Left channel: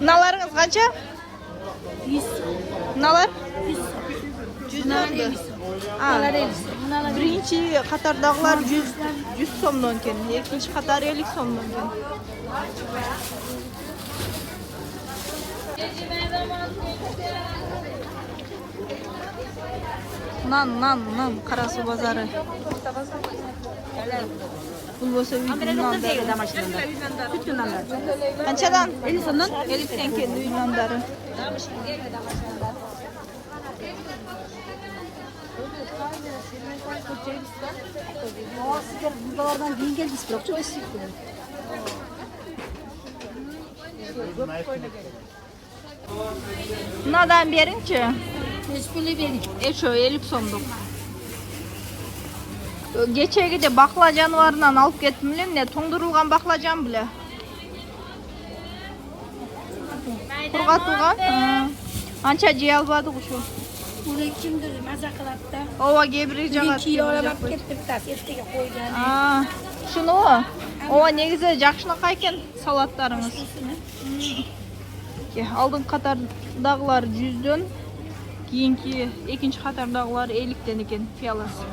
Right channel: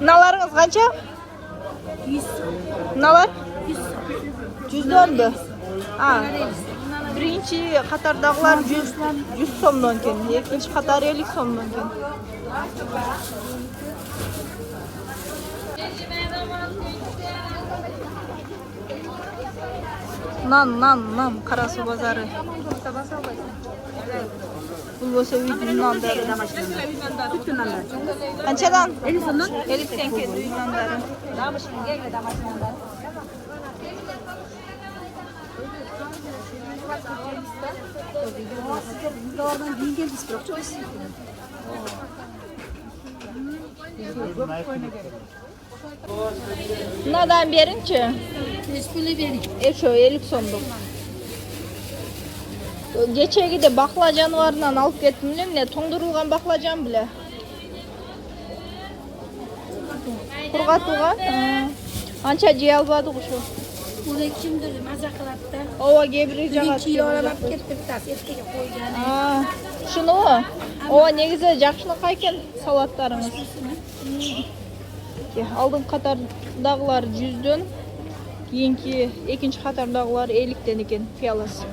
Mınalarınız kaça? 100. Mınalar? 100. 100 oldu. Birinci Katardağlar 100 somdan ken. İkinci Katar 50 somdan ken. Nan Karasu bazarı. Bu bolsa bir nanları. Bütün nanlar. Ançadan 50 somdan 50 sen ken nanları. Oradan giyin gel istiyor. Çok istiyor. Nadan berince? Resmini verin. Şu 50 somduk. Geçe gide baklajan varından alıp gettim ne tondurulgan baklajan bile. Kurgatılgan. Ança ciğer albadı şu. Buraya kimdir? Mazakalatta. Ova gebiri jagat. 2 kilo alıp getirip tas etkiye koyacağını. Şunu o. Ova ne güzel jakşına kayken salatlarımız. Aldın Katardağlar 100'dön. Keyinki ikinci Katardağlar 50'den eken piyalası.